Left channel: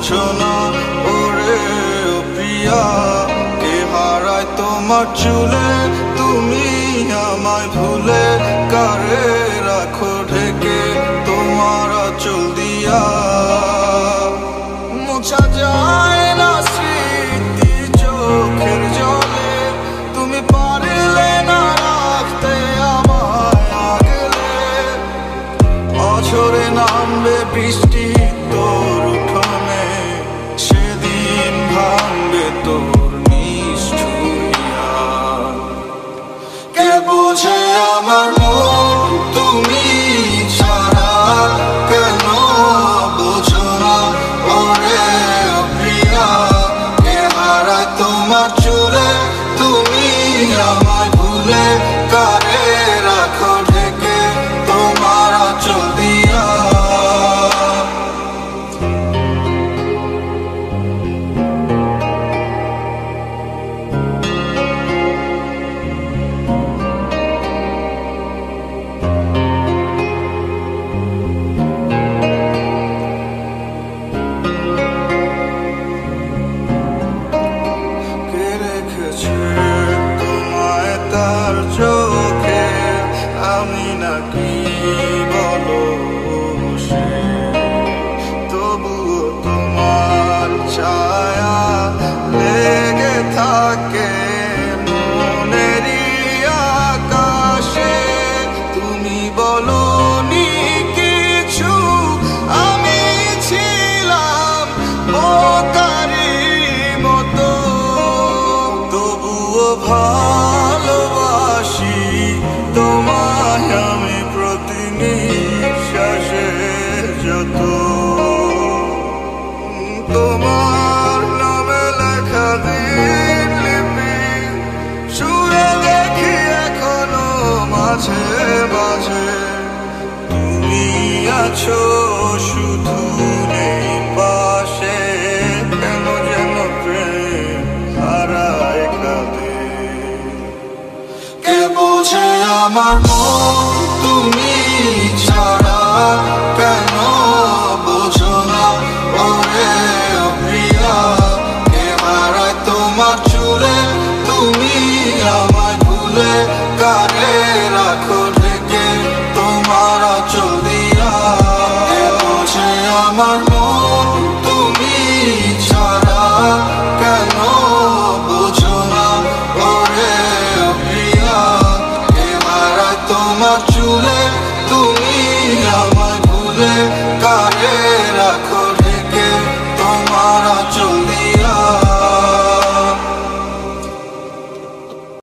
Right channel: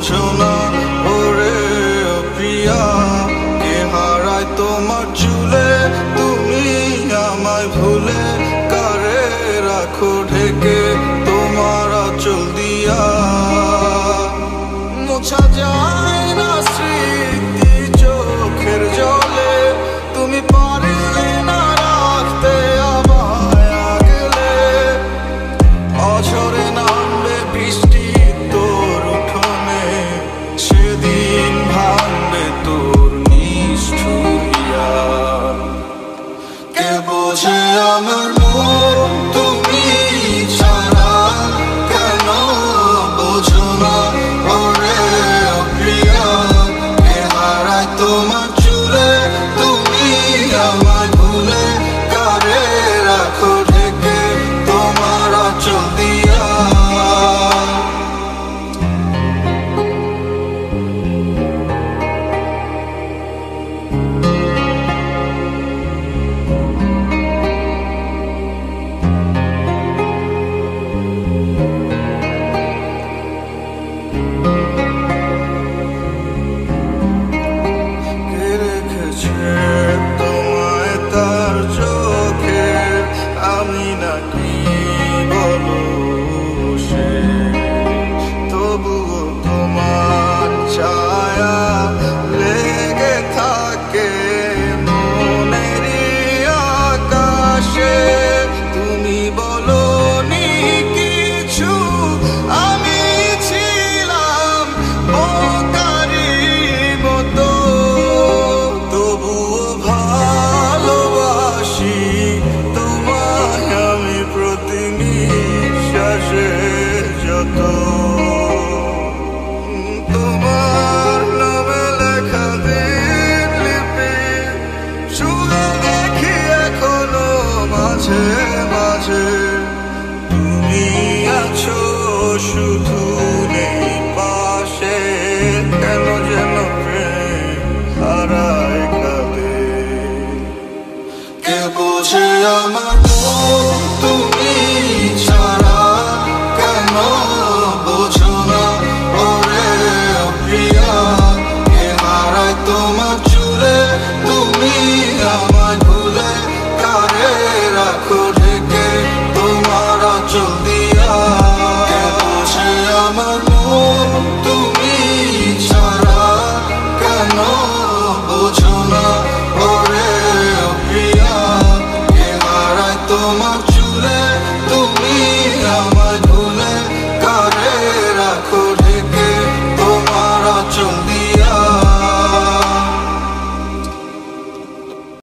বোঝো না ওরে ও প্রিয়া, কে হারায় তোমার চুলে তুমি আমায় ভুলে, কারে রাখো ঢেকে তোমার আঁচল দিয়া। মোছা যায় না স্মৃতি চোখের জলে, তুমি পারলে না রাখতে আমায় আগলে। অঝরে নামবে বৃষ্টি তোর উঠোনে, সেদিন ভাঙবে তোর নিষ্ঠুর হিয়া। কে বোঝে আমার